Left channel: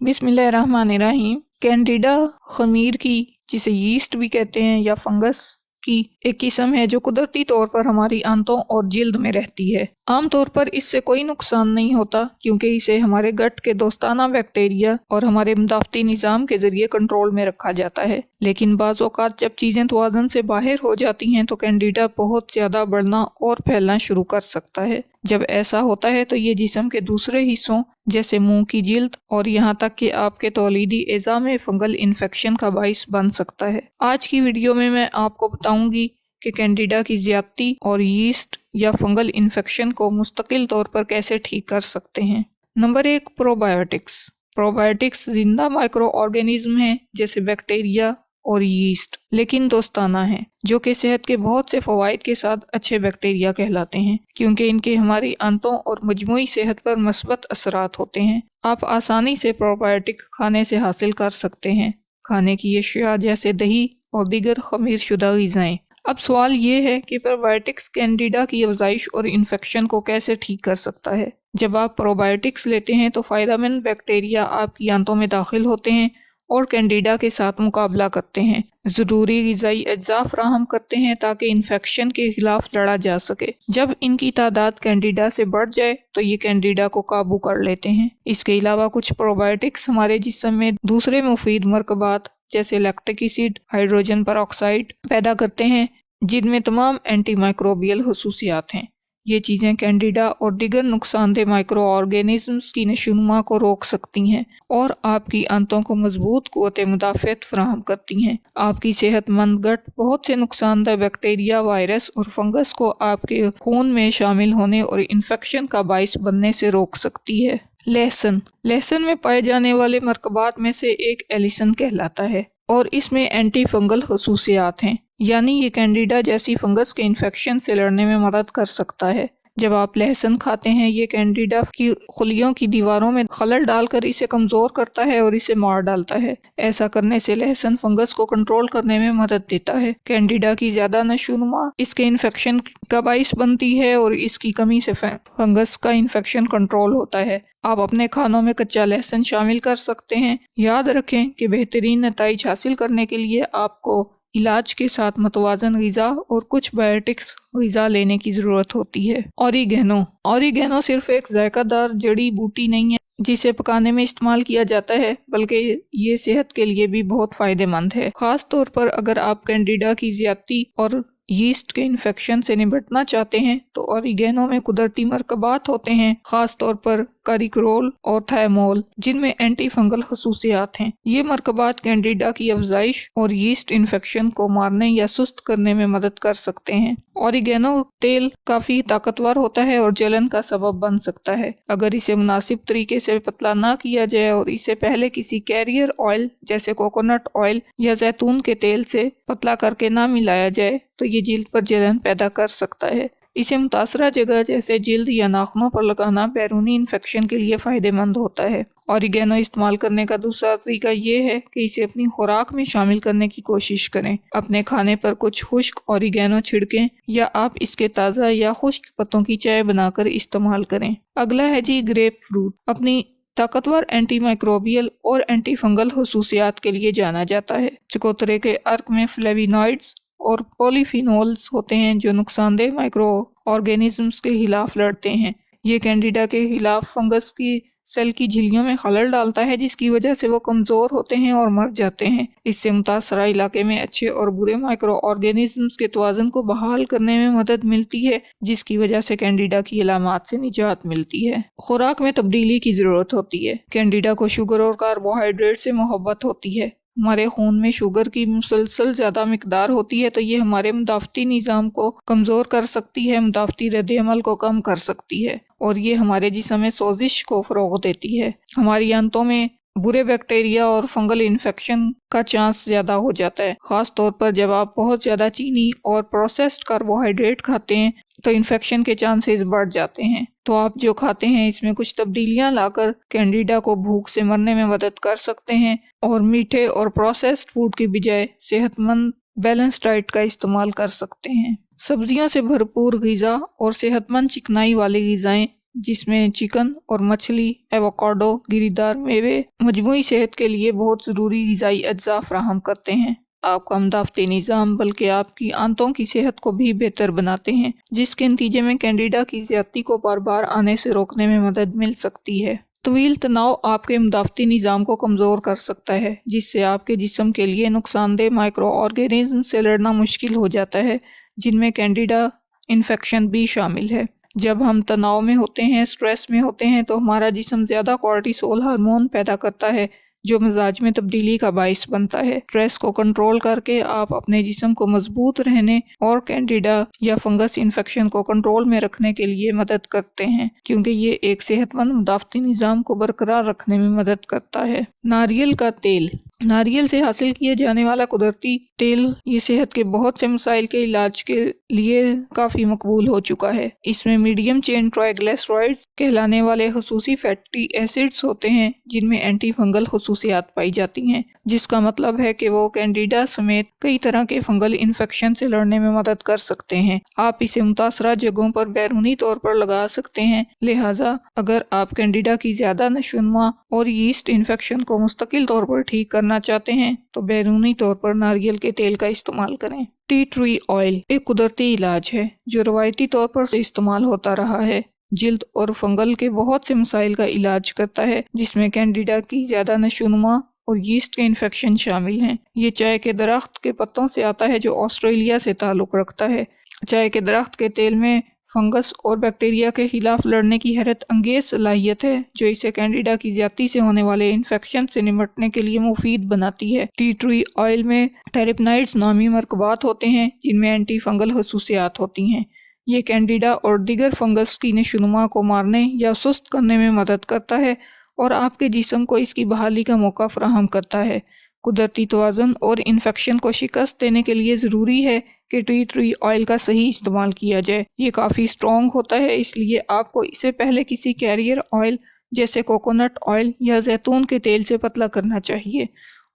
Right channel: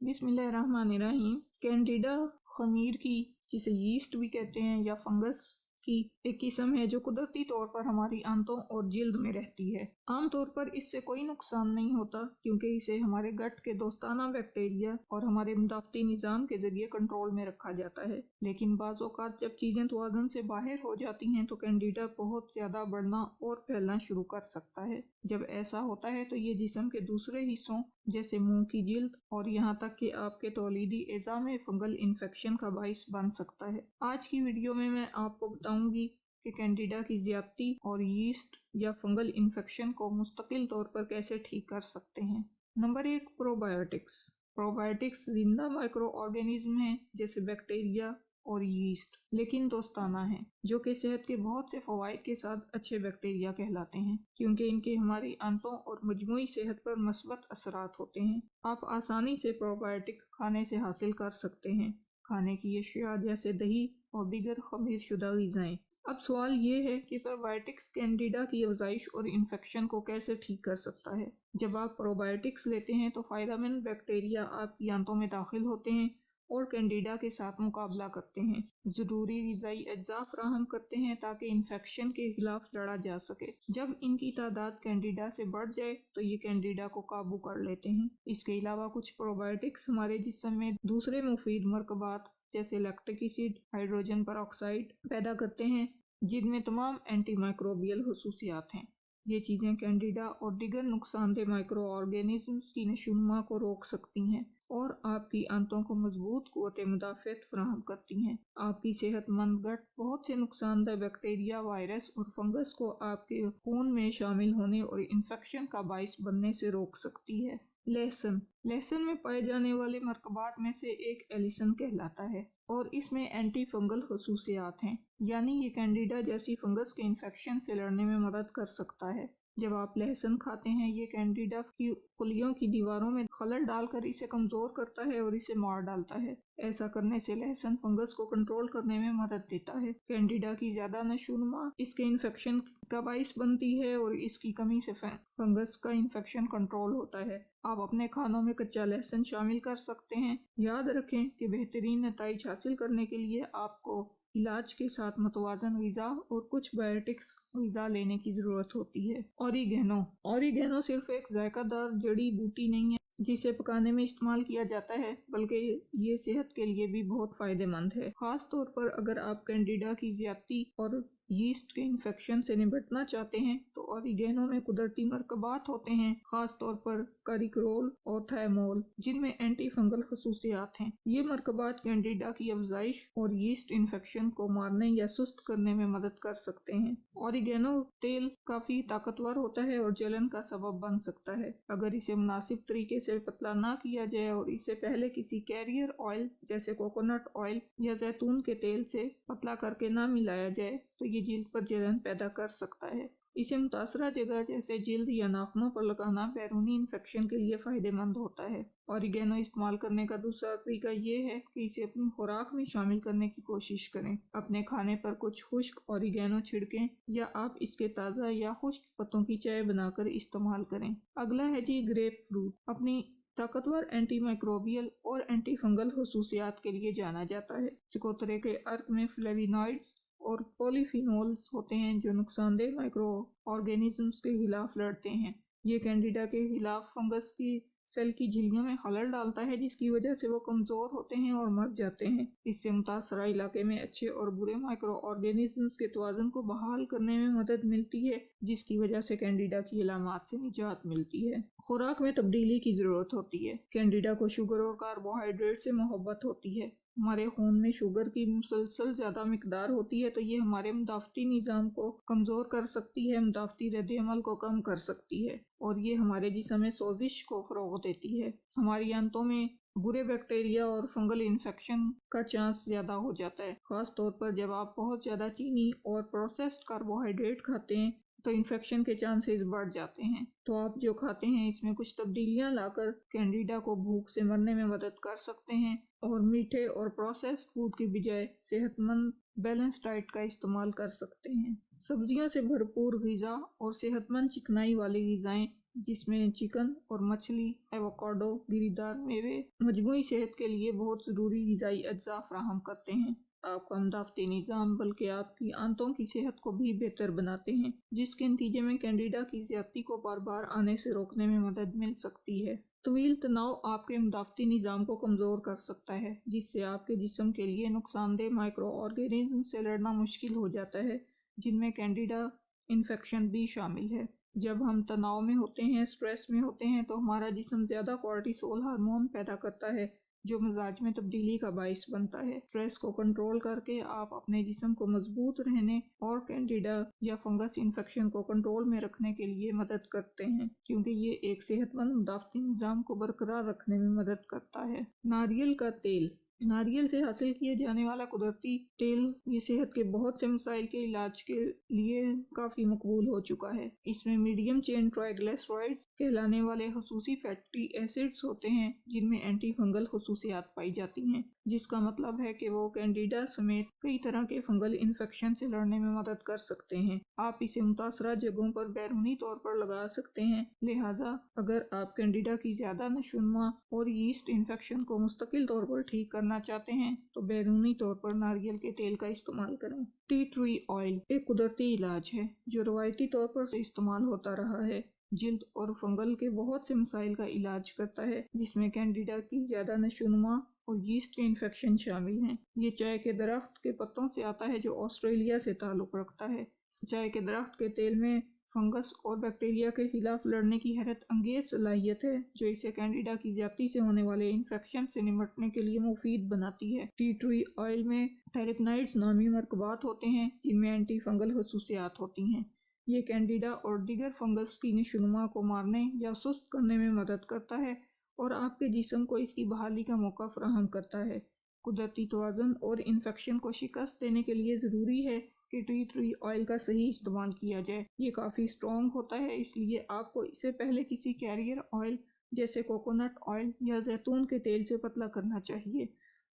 बिस्मिल्लाहिर्रहमानिर्रहीम। कैंडिडा खमीर की, जिसे यीस्ट भी कहते हैं, या फंगस की एक किस्म है जो कुदरती तौर पर हमारी आंतों और जिल्द में रहती है। आमतौर पर इससे कोई नुकसान नहीं होता क्योंकि इसे हमारे गट के दोस्ताना बैक्टीरिया और हमारे मदाफ़ती निज़ाम के ज़रिए कंट्रोल में रखा जाता है। लेकिन बाज़ औक़ात जब चीज़ें तवाज़ुन से बाहर हो जाती हैं तो कैंडिडा बहुत ज़्यादा बढ़ना और फैलना शुरू कर सकता है। जब ऐसा होता है तो ये जिस्म के दूसरे हिस्सों जैसे मुंह की जिल्द और यहाँ तक कि आपके तौलीदी एज़ा में फंगल इन्फेक्शन का बाइस बन सकता है। आज की वीडियो में मैं आपको बताऊंगी कि कैंडिडा की ज़्यादती और यीस्ट या फंगल इन्फेक्शन को मुस्तकिल तौर पर कैसे ठीक कर सकते हैं। Number 1, probiotics. प्रोबायोटिक्स जिंदा माइक्रो ऑर्गेनिज्म हैं जैसे बैक्टीरिया और यीस्ट, लेकिन दोस्ताना हैं, जो कि सेहत के बहुत से फ़वाइद के साथ अच्छे बैक्टीरिया कहलाते हैं क्योंकि इनके हमारी आंतों और मजमूई सेहत पर मस्बत असरात होते हैं। आप आसानी से प्रोबायोटिक खाने से हासिल कर सकते हैं, खाने की अशिया जैसे दही और दीगर खमीर शुदा ग़िज़ाएँ। अब सवाल ये है कि प्रोबायोटिक्स कैंडिडा की अफज़ाइश और इन्फेक्शन को कैसे ठीक कर सकता है। जब आप प्रोबायोटिक्स लेते हैं तो फ़ायदेमंद बैक्टीरिया आपकी आंतों में दाखिल होते हैं और कैंडिडा के साथ मुकाबला करते हैं, ज़रूरी ग़िज़ाई अज्जा फ़राहम करते हैं ताकि इन्फेक्शन के ख़िलाफ़ लड़ा जा सके। जब इनकी तादाद कैंडिडा से बढ़ जाए तो ये कैंडिडा को काबू कर लेते हैं। इसके अलावा कुछ प्रोबायोटिक्स हमारे जिस्म में दूसरे मुफीद मरकबात जैसे लैक्टिक एसिड, हाइड्रोजन परऑक्साइड पैदा करते हैं जिनमें तमाम एंटी माइक्रोबियल खसूसियात हैं। ये चीज़ें कैंडिडा और दीगर नुकसानदेह माइक्रो ऑर्गेनिज़म्स की नशोनुमा को रोक सकती हैं और आपकी आंतों को मजबूत क़ुव्वत मुदाफ़अत फ़राहम करती हैं। आपकी सेहतमंद गट बहुत से नुकसानदेह बैक्टीरिया, वायरस और फंगस को आपके खून में शामिल होने और इन्फेक्शन का बाइस बनने से रोक सकती है। लहसुन। लहसुन में पाए जाने वाले मरकबात में से एक एलिसन कहलाता है और इसमें एंटी फंगल खसूसियात हैं, यानी ये कैंडिडा जैसी फंगस के इन्फेक्शन से लड़ने में मदद कर सकता है। जब आप लहसुन खाते हैं ये कैंडिडा की खुलियों की दीवारों में खलल डालकर इसे कमज़ोर करता है और इसे मार डालता है। ऐसा करने से लहसुन फंगस को कंट्रोल करने में मदद देता है। कैंडिडा की ज़्यादा नशोनुमा इसके इन्फेक्शन का बाइस बनती है और इसकी कमी से फंगस का इन्फेक्शन कंट्रोल होता है। आप अपने खानों में कच्चा लहसुन शामिल कर सकते हैं। याद रखें कि बेहतरीन नताइज हासिल करने के लिए आपको इलाज के साथ मतवाज़न ग़िज़ा और कुछ बायोटिक्स ग़िज़ा लेने की ज़रूरत होती है। ऑरिगेनो। ऑरिगेनो सिर्फ़ एक ज़ायक़ादार जड़ी बूटी नहीं है जिसे पकाने में इस्तेमाल किया जाता है, बल्कि ये सेहत के लिए भी बहुत फ़ायदेमंद है। ख़ास तौर पर अगर आप कैंडिडा की ज़्यादती और यीस्ट के इन्फेक्शन से निपटना चाहते हैं तो ऑरिगेनो में कुदरती मरकबात होते हैं, ख़ास तौर पर कारिकोल और थायमोल, जिनमें एंटी फंगल खसूसियात हैं। ये मरकबात कैंडिडा की अफज़ाइश और यीस्ट इन्फेक्शन को मारने या सुस्त करने में मदद कर सकते हैं। ऑरिगेनो तेल काफ़ी ताकतवर होता है और जलन का सबब बन सकता है अगर इसे मुनासिब तरीके से पतला ना किया जाए और इसे पहले किसी कैरियर ऑयल जैसे कोकोनट ऑयल या जैतून के तेल से पतला करके ना मिलाया जाए तो ये जिल्द पर जलन पैदा कर सकता है। इसे मुतासरा जगह जैसे जिल्द या नाखूनों पर लगाना बैरूनी इन्फेक्शन के लिए फ़ायदेमंद होता है। ऑरिगेनो इस्तेमाल करने का दूसरा तरीका ये है कि इसे अपनी खुराक में शामिल करने की कोशिश करें। अपने खाने पर कुछ खुश्क ऑरिगेनो छिड़कें या आप इसके ताज़ा या खुश्क पत्तों की चाय बनाकर इस्तेमाल करें। अगला है जी ग्रेप फ्रूट। अपनी ताकतवर एंटी माइक्रोबियल और एंटी फंगल खसूसियात के लिए जाना जाता है। चकोतरे के अर्क में फ्लेविनॉइड्स और पॉलीफिनोल्स होते हैं जो नुकसानदेह माइक्रो ऑर्गेनिजम्स के खिलाफ लड़ते हैं। ये कैंडिडा के खिलाफ फंगस की सेल की झिल्लियों में खलल डालता है जिसकी वजह से वो कमज़ोर होते हैं और मर जाते हैं। इससे मुतासरा इलाके में अच्छे और बुरे माइक्रो ऑर्गेनिजम्स के तवाज़ुन को बहाल करने में मदद मिलती है, जिसकी वजह से कैंडिडा की अलामात से निजात मिलती है। खुराक में तब्दीली की ज़रूरत होती है। कैंडिडा को शुगर और कार्बोहाइड्रेट से मोहब्बत होती है। हमारे खून में शुगर की मुसलसल ज़्यादा मिकदार होती है तो ये हमारे मुदाफ़ती निज़ाम को कमज़ोर कर सकती है, मुदाफ़ती रद्द-ए-अमल को कम कर सकती है और ये हमारे जिस्म में सोजिश को फ़रोग़ देती है। हमारी आंतों में बुरे बैक्टीरिया और फंगल इन्फेक्शन का चांस ज़्यादा हो जाता है, ख़ास तौर पर जब आप बहुत ज़्यादा चीनी और प्रोसेस्ड कार्बोहाइड्रेट खाते हैं तो इन्फेक्शन के चांसेस बढ़ जाते हैं। तो आप जो खाते हैं इसमें कुछ तब्दीलियां लाकर कैंडिडा को भूख से मरने में मदद कर सकते हैं और मीठे और प्रोसेस्ड फूड की बजाय सेहतमंद बैलेंस डाइट का इस्तेमाल कर सकते हैं। सब्जियों से भरपूर ग़िज़ा और सेहतमंद चिकनाई वाली ग़िज़ाएँ جس میں چکن اور مچھلی، ایووکاڈو، گریدار میوے مجموعی صحت کے لیے بہت ضروری غذائی اجزاء فراہم کرتے ہیں۔ آپ کا مدافعتی نظام بلکہ آپ کی آنتوں کی صحت کو بھی بہتر بناتے ہیں، جس کے نتیجے میں کینڈیڈا کی زیادتی کو بار بار آنے سے روکنے میں مدد مل سکتی ہے۔ طویل تناؤ آپ کے مدافعتی نظام کو کمزور کر سکتا ہے، جس سے آپ کے جسم کے لیے نقصان دہ مائکرو آرگینزم سے لڑنا مشکل ہو جاتا ہے، جن میں کینڈیڈا انفیکشن بھی شامل ہے۔ جب ہم تناؤ میں ہوتے ہیں، سٹریس میں ہوتے ہیں، تو ہمارا جسم زیادہ کورٹیسول ہارمون پیدا کرتا ہے، جو مزاج میں تبدیلی کا باعث بنتا ہے۔ سٹریس کو کنٹرول کر کے آپ اپنے جسم کو مضبوط رہنے اور کینڈیڈا یا فنگس انفیکشن کو کنٹرول میں رکھنے کے لیے مدد کرتے ہیں، کیونکہ یہ ایک صحت مند مدافعتی نظام کو برقرار رکھنے میں مدد کرتا ہے۔ ناریل کا تیل۔ ناریل سے حاصل کیے جانے والا قدرتی تیل یہ صحت کے بہت سے مسائل کے علاج کے لیے کافی مقبول ہو چکا ہے۔ اس میں میڈیم چین ٹرائیگلیسرائڈز کہلانے والے خصوصی فیٹی ایسڈز ہوتے ہیں، جن میں اینٹی فنگل خصوصیات پائی جاتی ہیں، جس کا مطلب ہے کہ وہ کینڈیڈا سمیت کئی طرح کے فنگل انفیکشن سے لڑنے میں مدد کر سکتے ہیں۔ آپ اسے متاثرہ جگہوں پر بیرونی طور پر لگا سکتے ہیں، لہٰذا اگر آپ کینڈیڈا کی زیادہ نشوونما اور یسٹ انفیکشن کو مستقل طور پر ٹھیک کرنا چاہتے ہیں تو بیرونی طور پر ناریل کے تیل کا استعمال کریں۔ ٹی ٹری آئل ایک قدرتی علاج ہے جو روایتی طور پر سے استعمال ہوتا رہا ہے۔ جلد اور فنگل کے بہت سے مسائل کا علاج کرتا ہے، جس میں کینڈیڈا کی زیادہ نشوونما اور یسٹ کے انفیکشن شامل ہیں۔ یہ چائے کے درخت کے پتوں سے آتا ہے جو آسٹریلیا سے تعلق رکھتا ہے۔ چائے کے درخت کے تیل میں فنگس اور بیکٹیریا کے خلاف لڑنے کی حیرت انگیز صلاحیت ہے، جو اسے کینڈیڈا کی زیادتی سے ہونے والے انفیکشن سے نمٹنے کے لیے مفید بناتی ہے۔ ٹی ٹری آئل میں ٹیرپینائڈز نامی مرکبات ہوتے ہیں، جن میں اینٹی فنگل خصوصیات ہوتی ہیں۔ یہ کینڈیڈا اور دیگر فنگس کی نشوونما کو مارنے یا سست کرنے میں مدد کرتا ہے اور آپ کے جسم کو اس کی بحالی کا موقع فراہم کرتا ہے۔ قدرتی توازن اور انفیکشن کو شکست دینے کے لیے ضروری ہے کہ ٹی ٹری آئل کا صحیح استعمال کیا جائے۔ یہ کافی اسٹرانگ ہوتا ہے، اس لیے آپ کو اسے پہلے کسی کیریئر آئل جیسے کوکونٹ آئل یا زیتون کے تیل سے پتلا کرنا چاہیے۔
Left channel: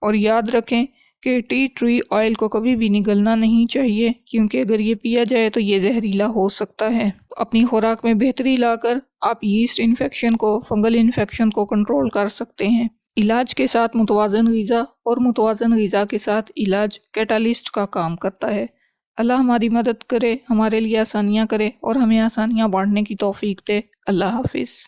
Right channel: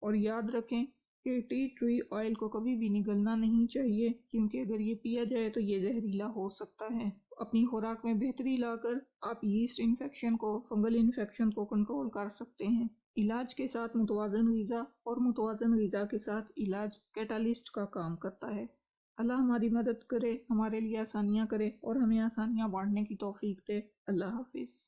اور یاد رکھیں کہ ٹی ٹری آئل کو کبھی بھی نگلنا نہیں چاہیے، کیونکہ اگر یہ پیا جائے تو یہ زہریلا ہو سکتا ہے۔ اپنی خوراک میں بہتری لا کر آپ یسٹ انفیکشن کو، فنگل انفیکشن کو کنٹرول کر سکتے ہیں۔ علاج کے ساتھ متوازن غذا اور متوازن غذا کے ساتھ علاج کیٹالسٹ کا کام کرتا ہے۔ اللہ ہماری مدد کرے، ہمارے لیے آسانیاں کرے اور ہمیں آسانیاں بانٹنے کی توفیق دے۔ اللہ حافظ۔